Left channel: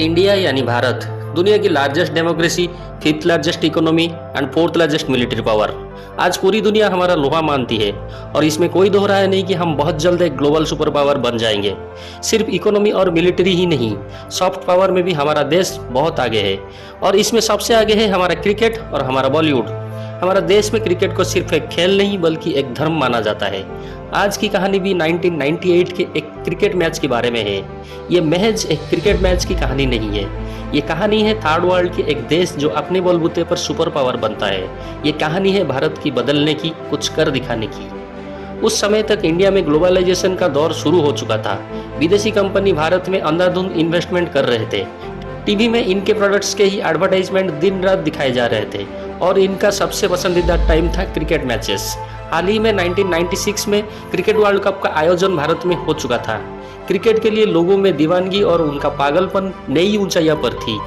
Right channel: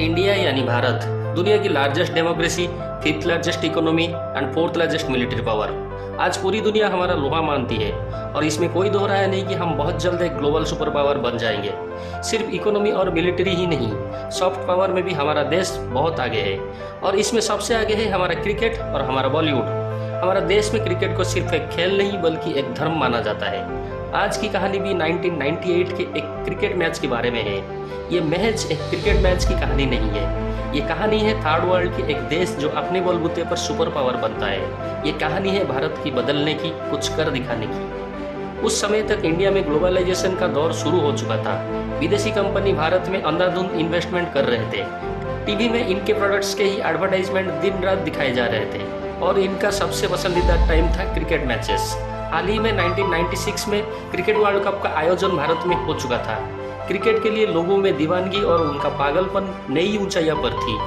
India यानी भारत दुनिया की largest democracy, fifth largest economy and fourth largest military power. आज पूरी दुनिया हमारा लोहा मानती है और इसमें कोई दो राय नहीं कि हम बहुत जल्द एक ग्लोबल सुपर पावर बन जाएंगे। सिर्फ इकोनॉमी और मिलिट्री ही नहीं, सॉफ्ट पावर में भी हमारा देश बहुत आगे है और इसमें सबसे आगे है हमारा क्रिकेट और हमारा बॉलीवुड। हमारा देश में क्रिकेट को सिर्फ एक खेल नहीं बल्कि एक धर्म माना जाता है। आज की कहानी भी 1998 के एक क्रिकेट मैच के बारे में है। ये महज एक क्रिकेट मैच की कहानी नहीं है, ये कहानी है थर्ड वर्ल्ड के एक देश जो अपने बलबूते पर सुपर पावर बनता है। ये कहानी है भारत की बदलने की, कुछ कर दिखाने की। उस समय तक इंडिया में ग्लोबलाइजेशन का दौर शुरू हो चुका था। विदेशी कंपनी भारत में अंधाधुंध इन्वेस्टमेंट कर रहे थे। टीवी में इनके प्रोडक्ट्स के ही एडवर्टाइजमेंट दिन रात दिखाए जा रहे थे और इनका सबसे पसंदीदा टाइम था क्रिकेट मैचेस। हाल ही में 1996 में क्रिकेट वर्ल्ड कप का आयोजन भारत में हो चुका था। क्रिकेट के लिए लोगों में दीवानगी और उनका पागलपन नई ऊंचाइयों पर थी।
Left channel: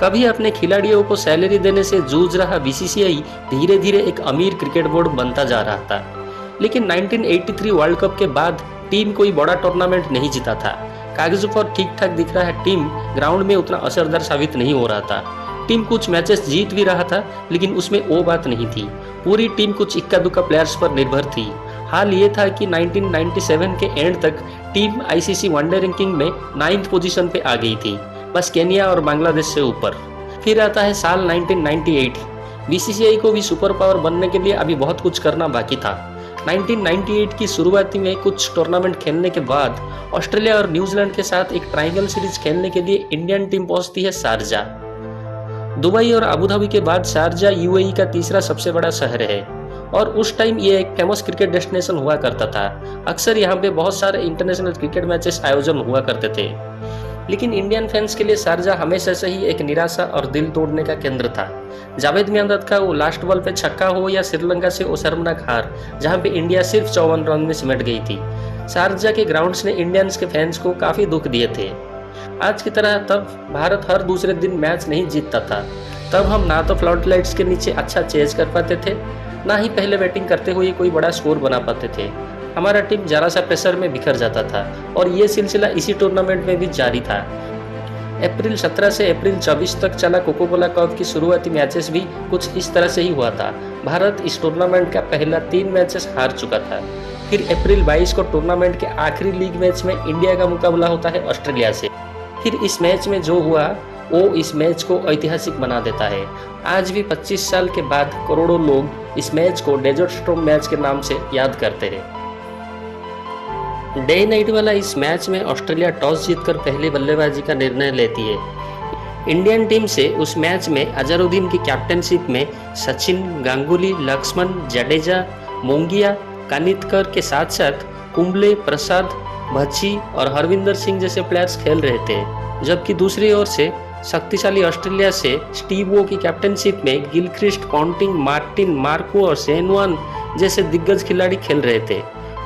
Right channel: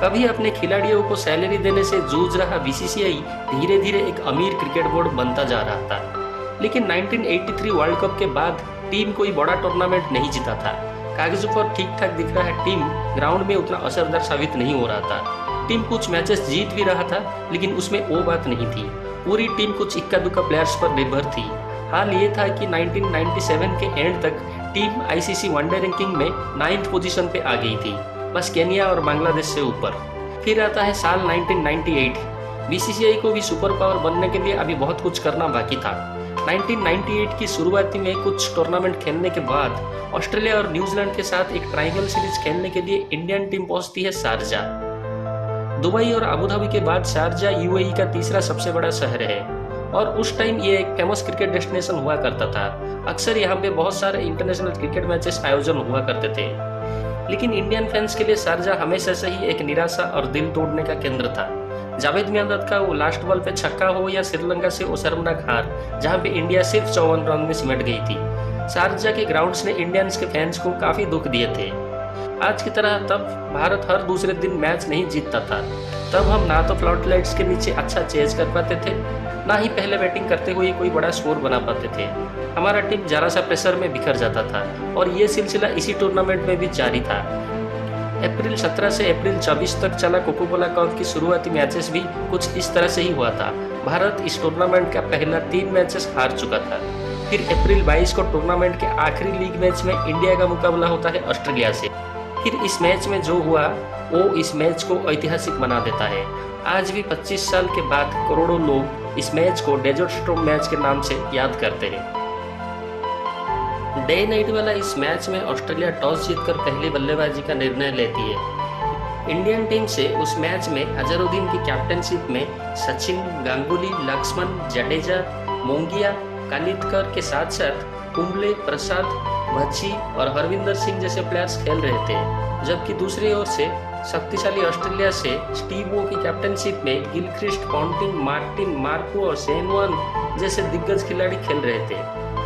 कभी अपने खिलाड़ियों को सैलरी देने से जूझ रहा बीसीसीआई धीरे धीरे एक अमीर क्रिकेट बोर्ड बनता जा रहा था। लेकिन 1983 वर्ल्ड कप के बाद टीम कोई बड़ा टूर्नामेंट नहीं जीता था। कागजों पर ठीक ठाक दिख रहा टीम ग्राउंड में उतना असरदार साबित नहीं हो रहा था। टीम कुछ मैचेस जीत भी रहा था लेकिन उसमें वो बात नहीं थी। पूरी टीम कुछ इक्का दुक्का प्लेयर्स पर निर्भर थी। हाल ये था कि 1997 के एंड तक टीम आईसीसी वनडे रैंकिंग में 9th पोजीशन पे आ गई थी, बस केन्या और बांग्लादेश से ऊपर। फिर आता है साल 1998। बीसीसीआई को भी सुपर पावर बनने के लिए अभी बहुत कुछ करना बाकी था। 1998 की शुरुआती में कुछ टूर्नामेंट खेलने के बाद ऑस्ट्रेलिया और न्यूजीलैंड के साथ एक ट्रायंगल सीरीज खेलने के लिए इंडियन टीम पहुंचती है शारजा। दुबई और अबू धाबी के बाद शारजा यूएई का तीसरा सबसे बड़ा शहर है और उस टाइम ये एक फेमस क्रिकेट डेस्टिनेशन हुआ करता था। अक्सर यहाँ पे बहुत सारे इंटरनेशनल क्रिकेट मैचेस आयोजन हुआ करते थे। लेकिन इंडियन फैंस के लिए शारजा हमेशा से ही एक निराशा और दिल तोड़ने का केंद्र था। जावेद मियांदाद का वो लास्ट बॉल पे छक्का हो या श्रीलंका से वो शर्मनाक हार जहाँ पे इंडिया सिर्फ 54 रन में सिमट गई थी। शारजा के ग्राउंड्स ने इंडियंस के फैंस को काफी दुख दिए थे। आज की तरह तब भारत हर दूसरे दिन मैच नहीं जीतता था। तब हम ना तो फ्लड लाइट्स के नीचे अच्छा चेज कर पाते थे, ना ही पहले बैटिंग करते हुए कोई बड़ा स्कोर बना पाते थे। हमारा टीम जरा सा प्रेशर में बिखर जाता था और ये सिलसिला इसी टूर्नामेंट में भी जारी था। अप्रैल 17 से अप्रैल 24 तक चला कोको कोला कप की शुरुआती मैचेस भी कुछ इस तरह से ही हुआ था। भारत इस टूर्नामेंट का पहला 3 मैचेस हार चुका था। फिर अप्रैल 22 को टूर्नामेंट के आखिरी लीग मैच में इंडिया का मुकाबला होता है ऑस्ट्रेलिया से। फिर इस मैच में जो हुआ वो इस मैच को ऐतिहासिक बना देता है। आज भी 25 साल के बाद करोड़ों लोग इस मैच को डेजर्ट स्टॉर्म मैच के नाम से याद करते हैं। डे नाइट वाला इस मैच में ऑस्ट्रेलिया टॉस जीतकर पहले बल्लेबाजी का निर्णय लेती है। इंडियन टीम से उस मैच में अजहरुद्दीन की कैप्टनशिप में सचिन, गांगुली, लक्ष्मण, जडेजा, मोंगिया, कानितकर के साथ साथ कुंबले, प्रसाद, भज्जी और हरविंदर सिंह जैसे प्लेयर्स खेल रहे थे। जबकि दूसरी ओर से शक्तिशाली ऑस्ट्रेलिया से स्टीव वो की कैप्टनशिप में गिलक्रिस्ट, पॉन्टिंग, मार्टिन, मार्को और शेन वॉर्न जैसे दिग्गज खिलाड़ी खेल रहे थे।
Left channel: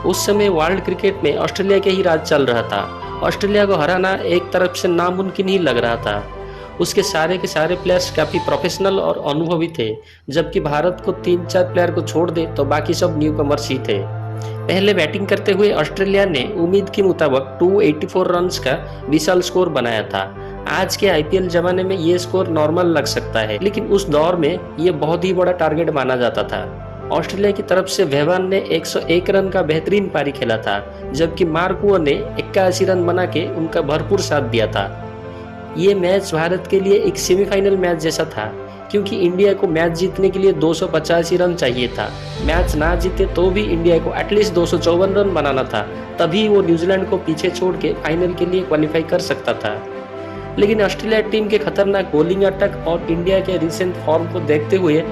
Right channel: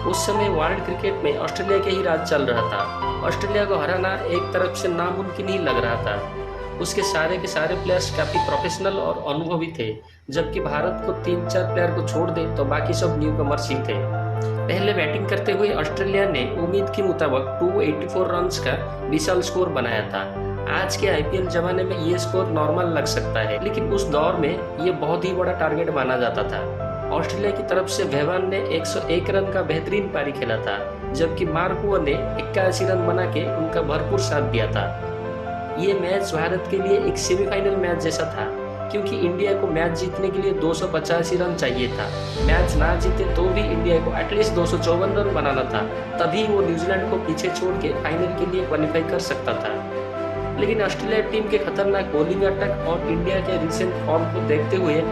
उस समय वर्ल्ड क्रिकेट में ऑस्ट्रेलिया के ही राज चल रहा था। ऑस्ट्रेलिया को हराना एक तरफ से नामुमकिन ही लग रहा था। उसके सारे के सारे प्लेयर्स काफी प्रोफेशनल और अनुभवी थे, जबकि भारत को 3-4 प्लेयर को छोड़ दे तो बाकी सब न्यू कमर्स ही थे। पहले बैटिंग करते हुए ऑस्ट्रेलिया ने उम्मीद के मुताबिक 284 रन्स का विशाल स्कोर बनाया था। आज के आईपीएल जमाने में ये स्कोर नॉर्मल लग सकता है, लेकिन उस दौर में ये बहुत ही बड़ा टारगेट माना जाता था। ऑस्ट्रेलिया की तरफ से वेवान ने 101 रन का बेहतरीन पारी खेला था, जबकि मार्को ने 81 रन बना के उनका भरपूर साथ दिया था। ये मैच भारत के लिए एक सेमीफाइनल मैच जैसा था, क्योंकि इंडिया को मैच जीतने के लिए 285 रन चाहिए था। मैच ना जीते तो भी इंडिया को एटलीस्ट 254 रन बनाना था, तभी वो न्यूजीलैंड को पीछे छोड़ के फाइनल के लिए क्वालिफाई कर सकता था। लेकिन ऑस्ट्रेलिया टीम के खतरनाक बॉलिंग अटैक और इंडिया के रिसेंट फॉर्म को देखते हुए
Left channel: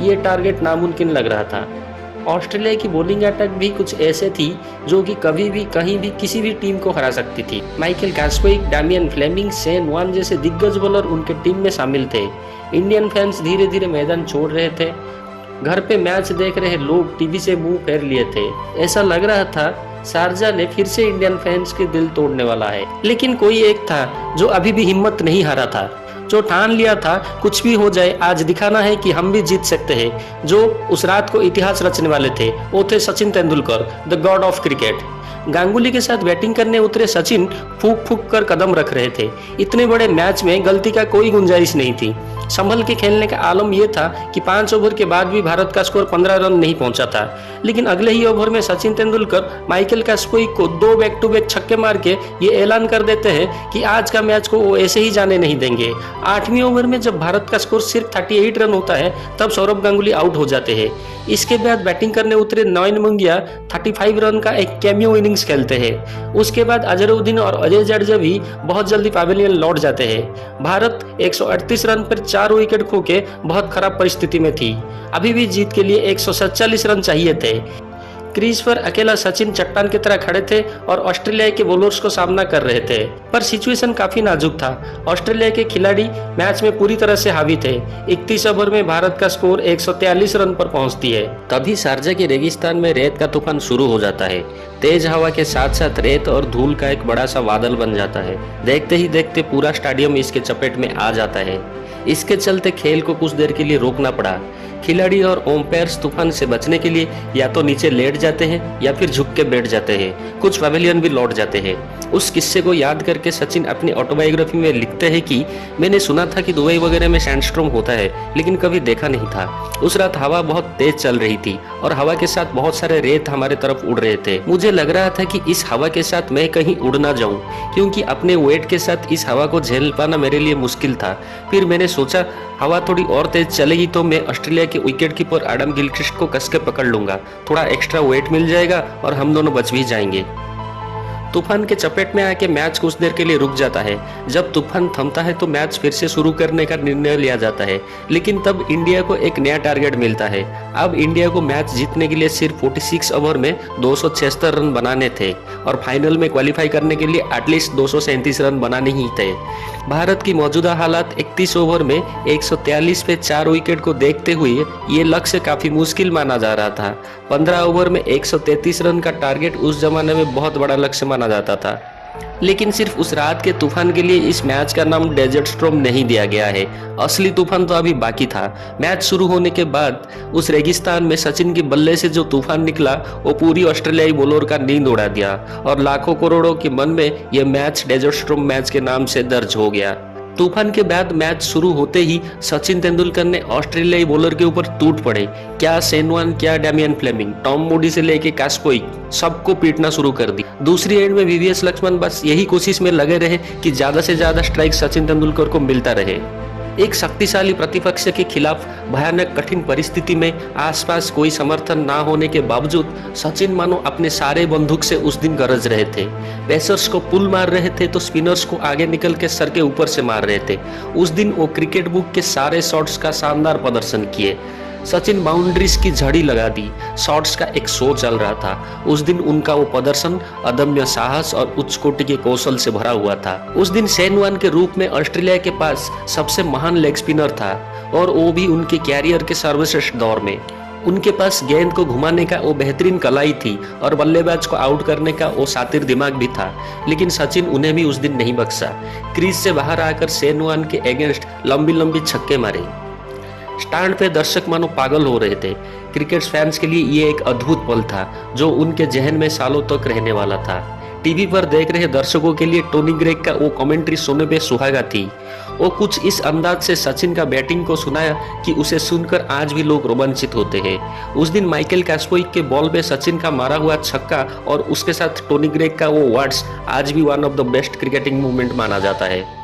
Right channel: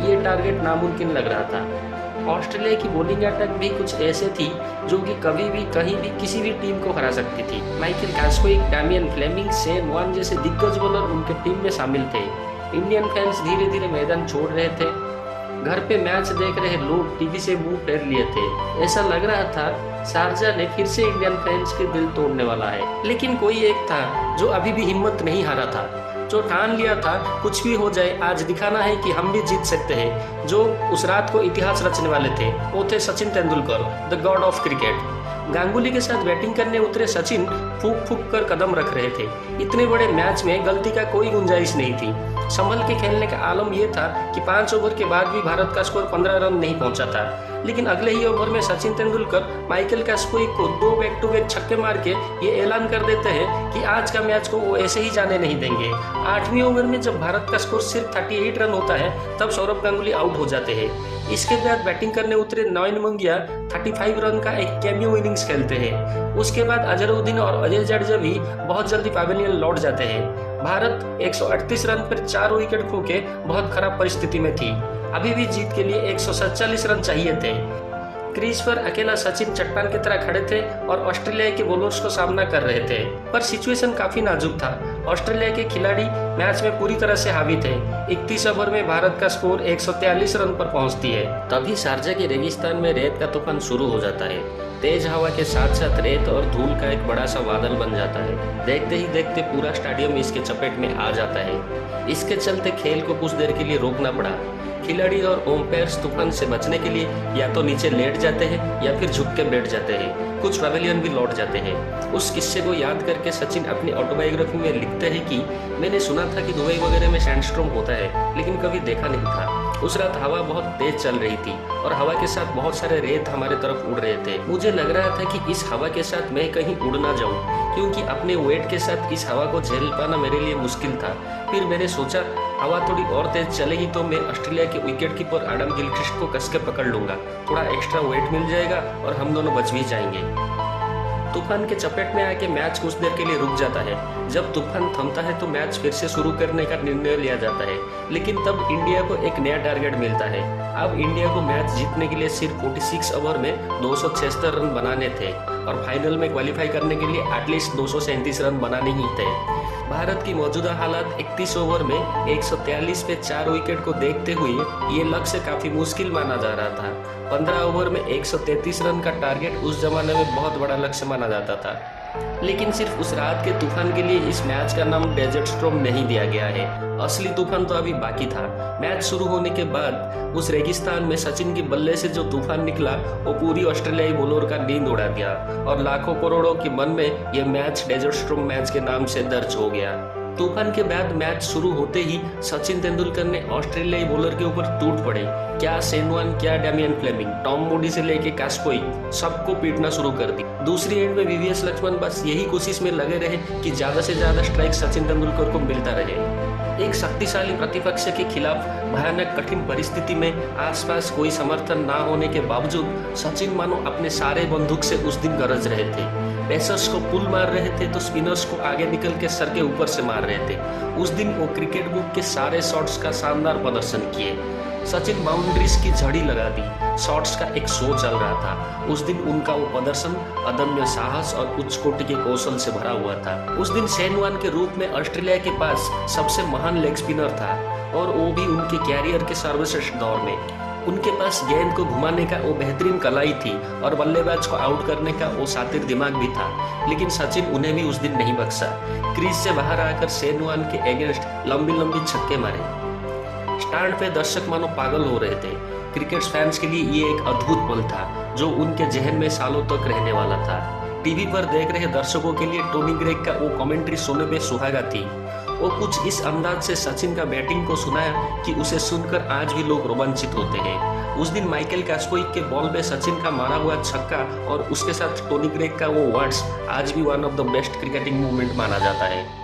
ये टारगेट नामुमकिन लग रहा था। ऑस्ट्रेलिया की बॉलिंग अटैक भी कुछ ऐसे थी जो कि कभी भी कहीं भी किसी भी टीम को हरा सकती थी। माइकल गास्कोइक, डैमियन फ्लेमिंग, शेन वॉर्न जैसे दिग्गज बॉलर उनके टीम में शामिल थे। इंडियन फैंस धीरे धीरे मैदान छोड़ रहे थे। घर पे मैच देख रहे लोग टीवी से मुंह फेर लिए थे। ऐसा लग रहा था शारजा ने फिर से इंडियन फैंस के दिल तोड़ने वाला है। लेकिन कोई एक था जो अभी भी हिम्मत नहीं हारा था, जो ठान लिया था कुछ भी हो जाए आज दिखाना है कि हम भी जीत सकते हैं। जो उस रात को इतिहास रचने वाले थे वो थे Sachin Tendulkar, the God of cricket. Ganguly के साथ बैटिंग करने उतरे सचिन फूंक फूंक कर कदम रख रहे थे। इतने बड़े मैच में गलती का कोई गुंजाइश नहीं थी। संभल के खेलने का आलम यह था कि 5 ओवर के बाद भी भारत का स्कोर 15 रन नहीं पहुंचा था। लेकिन अगले ही ओवर में सचिन तेंदुलकर माइकल कैस्पोई को 2 बैक टू बैक छक्के मार के ये ऐलान कर देते हैं कि आज का मैच को वो ऐसे ही जाने नहीं देंगे। 8वें ओवर में जब भारत का स्कोर सिर्फ 38 रन होता है तब सौरव गांगुली आउट हो जाते हैं। इसके बाद बैटिंग करने उतरे नॉयन मंगिया 35 रन का एक कैमियो इनिंग्स खेलते हैं। उसके बाद अजहरुद्दीन और अजय जडेजा भी बहुत जल्दी पवेलियन लौट जाते हैं। भारत 138 रन पर 4 विकेट खो के बहुत खराब परिस्थिति में थी। अभी भी जीत के लिए 147 रन चाहिए थे। क्रीज पर अकेला सचिन चट्टान की तरह खड़े थे और ऑस्ट्रेलिया के बॉलर्स को सामना कर रहे थे, पर सिचुएशन काफी नाजुक था। ऑस्ट्रेलिया के खिलाड़ी मैच में पूरी तरह से हावी थे। 31 ओवर में भारत का स्कोर 143 रन पर पहुंचती है। तभी शारजा के रेगिस्तान में रेत का तूफान शुरू हो जाता है। तेज हवा के साथ साथ रेत और धूल का एक बड़ा सा बादल बन जाता है। देखते ही देखते पूरा स्टेडियम इसके चपेट में आ जाता है। इसके चलते खेल को कुछ देर के लिए रोकना पड़ा। खिलाड़ी और ओम्पायर्स तूफान से बचने के लिए या तो नीचे लेट जाते हैं या फिर झुक के बैठ जाते हैं। कुछ पवेलियन भी लौट जाते हैं। उस किस्से को याद करके सचिन अपनी ऑटोबायोग्राफी में लिखते हैं कि मैंने सुना था कि दुबई वगैरह में सैंडस्टॉर्म होता है, लेकिन कभी देखा नहीं था। उस रात हवा बहुत तेज चल रही थी और हवा के साथ बहुत सारे रेत हमारे तरफ उड़ रहे थे। मुझे लग रहा था कि इस हवा के साथ मैं कहीं उड़ ना जाऊं, क्योंकि अपने वेट के साथ इस हवा को झेल पाना मेरे लिए मुश्किल था। फिर मैंने सोचा हवा थोड़ी और तेज चलेगी तो मैं ऑस्ट्रेलिया के विकेट कीपर एडम गिलक्रिस्ट को कस के पकड़ लूंगा, थोड़ा एक्स्ट्रा वेट मिल जाएगा और हम दोनों बच भी जाएंगे। तूफान के चपेट में आके मैच कुछ देर के लिए रुक जाता है। जब तूफान थमता है तो मैच फिर से शुरू करने का निर्णय लिया जाता है, लेकिन तब इंडिया को एक नया टारगेट मिलता है। अब इंडिया को मैच जीतने के लिए सिर्फ 46 ओवर में 276 रन बनाने थे और फाइनल में क्वालिफाई करने के लिए एटलीस्ट 237 रन बनाने ही थे। भारत की मौजूदा हालात 31 ओवर में 143 पे 4 विकेट को देखते हुए ये लक्ष्य काफी मुश्किल माना जा रहा था। 15 ओवर में 133 रन का टारगेट उस जमाने में बहुत बड़ा लक्ष्य माना जाता था। लेकिन सिर्फ उस रात के तूफान के लिए इस मैच का नाम डेजर्ट स्टॉर्म नहीं दिया गया है। असली तूफान तो अभी बाकी था। मैच शुरू होने के बाद उस रेगिस्तान में सचिन के बल्ले से जो तूफान निकला वो पूरी ऑस्ट्रेलियाई बॉलर का नींद उड़ा दिया और लाखों करोड़ों के मन में यह मैच डेजर्ट स्टॉर्म मैच के नाम से दर्ज हो गया। तूफान के बाद मैच शुरू होते ही सचिन तेंदुलकर ने ऑस्ट्रेलियाई बॉलर के ऊपर टूट पड़े। क्या शेन वॉर्न, क्या डैमियन फ्लेमिंग, टॉम मूडी से लेके कैस्पोई, सबको पीटना शुरू कर दी। दूसरी एंड में वीवीएस लक्ष्मण बस यही कोशिश में लगे रहे कि ज्यादा से ज्यादा स्ट्राइक सचिन तेंदुलकर को मिलता रहे। एक शक्तिशाली प्रतिपक्ष के खिलाफ भयानक कठिन परिस्थिति में आसपास कोई समर्थन ना होने के बावजूद सचिन मानो अपने सारे बंदूक से उस दिन गरज रहे थे। पेसर्स को पुल मार रहे थे तो स्पिनर्स को आगे निकल के सर के ऊपर से मार रहे थे। उस दिन वो क्रिकेट बुक के सारे शॉट्स का शानदार प्रदर्शन किए। सचिन बाउंड्रीज की झड़ी लगा दी। शॉट्स का एक शो चल रहा था। उस दिन उनका वो प्रदर्शन अदम्य साहस और उच्च कोटि के कौशल से भरा हुआ था। उस दिन शेन वॉर्न के रूप में ऑस्ट्रेलिया के पास सबसे महान लेग स्पिनर था और वो भी उनके कैरियर के सर्वश्रेष्ठ दौर में। उनके पास गेंद को घुमाने का वो बेहतरीन कलाई थी और बल्लेबाज को आउट करने का वो शातिर दिमाग भी था। लेकिन सचिन उन्हें भी उस दिन नहीं बख्शा। क्रीज से बाहर आकर शेन वॉर्न के अगेंस्ट लंबी लंबी छक्के मारे। स्टैंड पे दर्शक मानो पागल हो रहे थे। क्रिकेट फैंस के लिए ये एक अद्भुत पल था जो उनके जहन में सालों तक रहने वाला था। टीवी पर देख रहे दर्शकों के लिए टोनी ग्रेग का वो कमेंट्री सुनने पे सुहागा थी। वो कुछ इस अंदाज से सचिन का बैटिंग को सुनाया कि उसे सुनकर आज भी लोग रोमांचित होते हैं। उस दिन माइकल कैस्पोई के बॉल में सचिन का मारा हुआ छक्का और उसके साथ टोनी ग्रेग का वो वर्ड्स आज भी one of the best cricketing movement माना जाता है।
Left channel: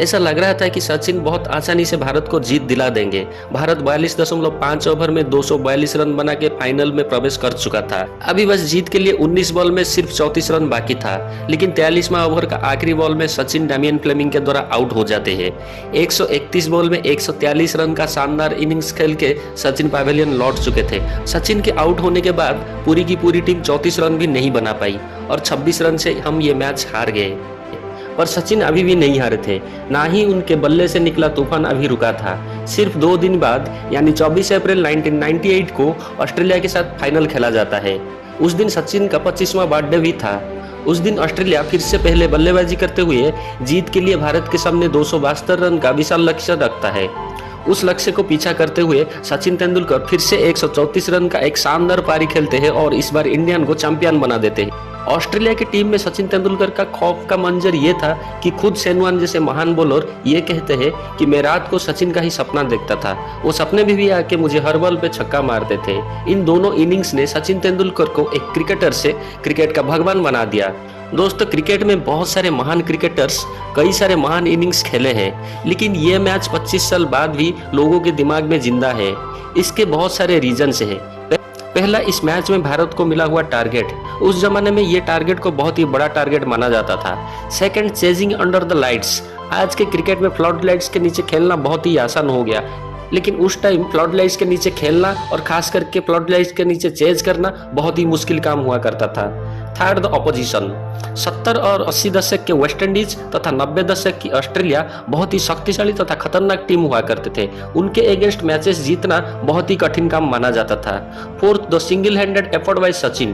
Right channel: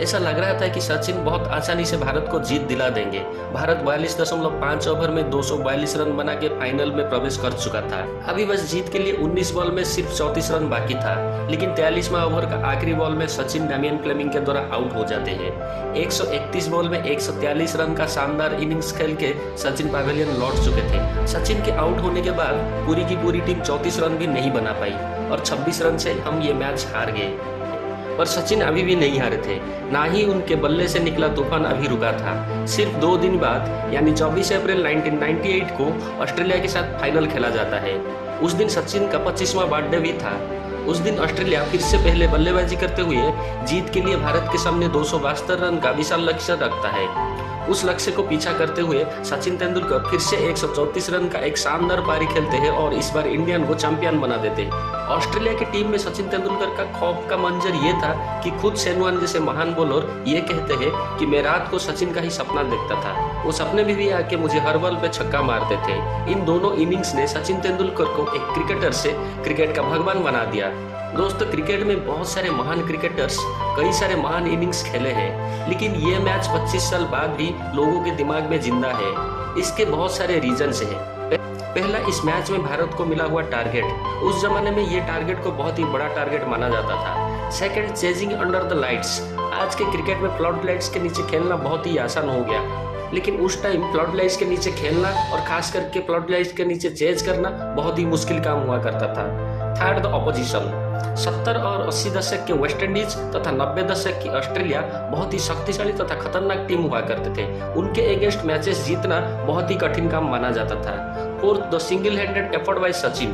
ऐसा लग रहा था कि सचिन बहुत आसानी से भारत को जीत दिला देंगे। भारत 42.5 ओवर में 242 रन बना के फाइनल में प्रवेश कर चुका था। अभी बस जीत के लिए 19 बॉल में सिर्फ 34 रन बाकी था। लेकिन 43वां ओवर का आखिरी बॉल में सचिन डैमियन फ्लेमिंग के द्वारा आउट हो जाते हैं। 131 बॉल में 143 रन का शानदार इनिंग्स खेल के सचिन पवेलियन लौट चुके थे। सचिन के आउट होने के बाद पूरी की पूरी टीम 34 रन भी नहीं बना पाई और 26 रन से हम ये मैच हार गए। पर सचिन अभी भी नहीं हारे थे, ना ही उनके बल्ले से निकला तूफान अभी रुका था। सिर्फ 2 दिन बाद यानी 24 अप्रैल 1998 को ऑस्ट्रेलिया के साथ फाइनल खेला जाता है। उस दिन सचिन का 25वां बर्थडे भी था। उस दिन ऑस्ट्रेलिया फिर से पहले बल्लेबाजी करते हुए जीत के लिए भारत के सामने 272 रन का विशाल लक्ष्य रखता है। उस लक्ष्य को पीछा करते हुए सचिन तेंदुलकर फिर से 134 रन का एक शानदार पारी खेलते हैं और इस बार इंडियन को चैंपियन बना देते हैं। ऑस्ट्रेलिया की टीम में सचिन तेंदुलकर का खौफ का मंजर ये था कि खुद शेन जैसे महान बॉलर ये कहते हैं कि मैं रात को सचिन का ही सपना देखता था, वो सपने में भी आके मुझे हर बॉल पे छक्का मारते थे। इन दोनों इनिंग्स ने सचिन तेंदुलकर को एक क्रिकेटर से क्रिकेट का भगवान बना दिया। दोस्तों, क्रिकेट में बहुत सारे महान क्रिकेटर्स कई सारे महान इनिंग्स खेले हैं, लेकिन ये मैच 25 साल बाद भी लोगों के दिमाग में जिंदा है। इसके बहुत सारे रीजंस हैं। पहला, इस मैच में भारत को मिला हुआ टारगेट। उस जमाने में ये टारगेट को बहुत ही बड़ा टारगेट माना जाता था। Second, chasing under the lights. आज के क्रिकेट में फ्लड लाइट्स के नीचे खेलना बहुत ही आसान हो गया, लेकिन उस टाइम फ्लड लाइट्स के नीचे खेलना और खास करके फ्लड लाइट्स के नीचे चेज करना बहुत ही मुश्किल काम हुआ करता था। Third, the opposition. 70 और 80 दशक के वेस्ट इंडीज तथा 90 दशक की ऑस्ट्रेलिया बहुत ही शक्तिशाली तथा खतरनाक टीम हुआ करते थे। उनके अगेंस्ट मैचेस जीतना बहुत ही कठिन काम माना जाता था। Fourth, the single handed effort bye Sachin.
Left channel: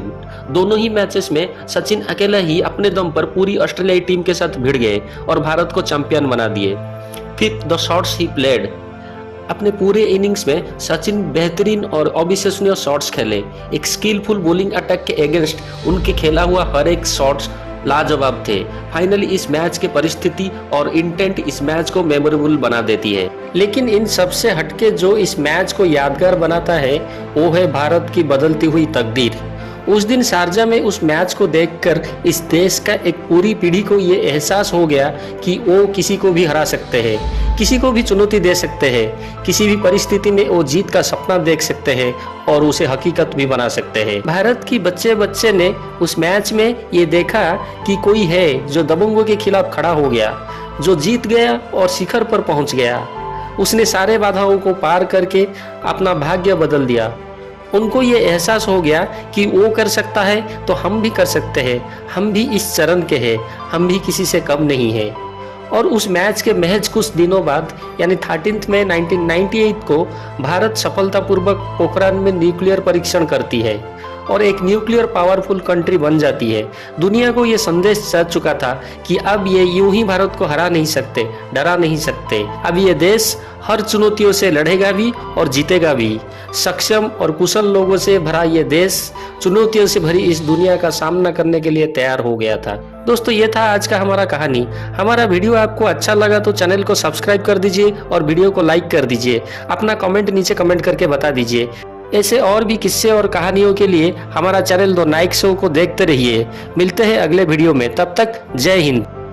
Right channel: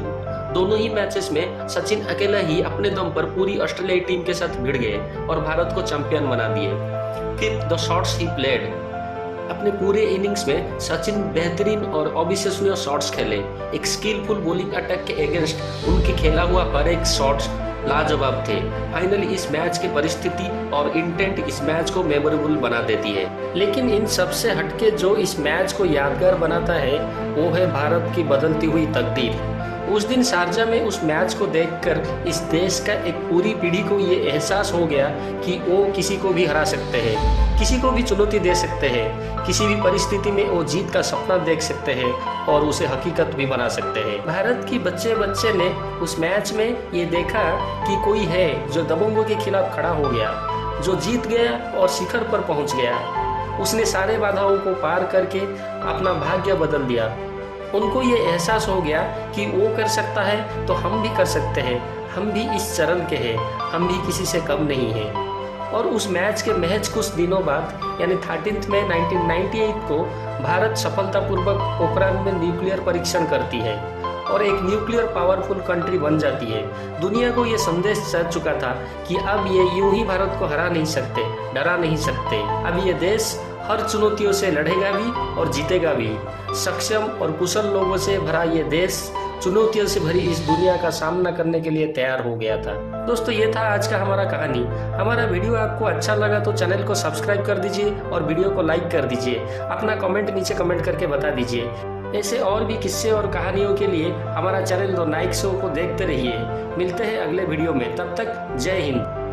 दोनों ही मैचेस में सचिन अकेला ही अपने दम पर पूरी ऑस्ट्रेलियाई टीम के साथ भिड़ गए और भारत को चैंपियन बना दिए। Fifth, the shots he played. अपने पूरे इनिंग्स में सचिन बेहतरीन और अविश्वसनीय शॉट्स खेले। एक स्किलफुल बॉलिंग अटैक के अगेंस्ट उनके खेला हुआ हर एक शॉट्स लाजवाब थे। फाइनली इस मैच की परिस्थिति और इंटेंट इस मैच को मेमोरेबल बना देती है। लेकिन इन सबसे हटके जो इस मैच को यादगार बनाता है वो है भारत की बदलती हुई तकदीर। उस दिन शारजा में उस मैच को देखकर इस देश का एक पूरी पीढ़ी को ये एहसास हो गया कि वो किसी को भी हरा सकते हैं, किसी को भी चुनौती दे सकते हैं, किसी भी परिस्थिति में वो जीत का सपना देख सकते हैं और उसे हकीकत भी बना सकते हैं। भारत की बच्चे ने उस मैच में ये देखा कि कोई है जो दबंगों के खिलाफ खड़ा हो गया, जो जीत गया और शिखर पर पहुंच गया। उसने सारे बाधाओं को पार करके अपना भाग्य बदल दिया। उनको ये एहसास हो गया कि वो कर सकता है तो हम भी कर सकते हैं, हम भी इस चरण के हैं, हम भी किसी से कम नहीं हैं। और उस मैच के महज कुछ दिनों बाद यानी 13 मई 1998 को भारत सफलतापूर्वक पोखरान में न्यूक्लियर परीक्षण करती है और एक न्यूक्लियर पावरफुल कंट्री बन जाती है। दुनिया को ये संदेश जा चुका था कि अब ये यूं ही भारत को हरा नहीं सकते, डरा नहीं सकते। अब ये देश हर चुनौतियों से लड़ेगा भी और जीतेगा भी। सक्षम और कुशल लोगों से भरा ये देश चुनौतियों से भरी इस दुनिया का सामना करने के लिए तैयार हो गया था। दोस्तों, ये था आज का हमारा कहानी। हमारा वीडियो आपको अच्छा लगा तो चैनल को सब्सक्राइब कर दीजिए और वीडियो को लाइक कर दीजिए। अपना कमेंट नीचे कमेंट करके बता दीजिए। ऐसे और भी किस्से और कहानियों के लिए हमारा चैनल द नाइक शो को देखते रहिए। मिलते हैं अगले वीडियो में, तब तक जय हिंद।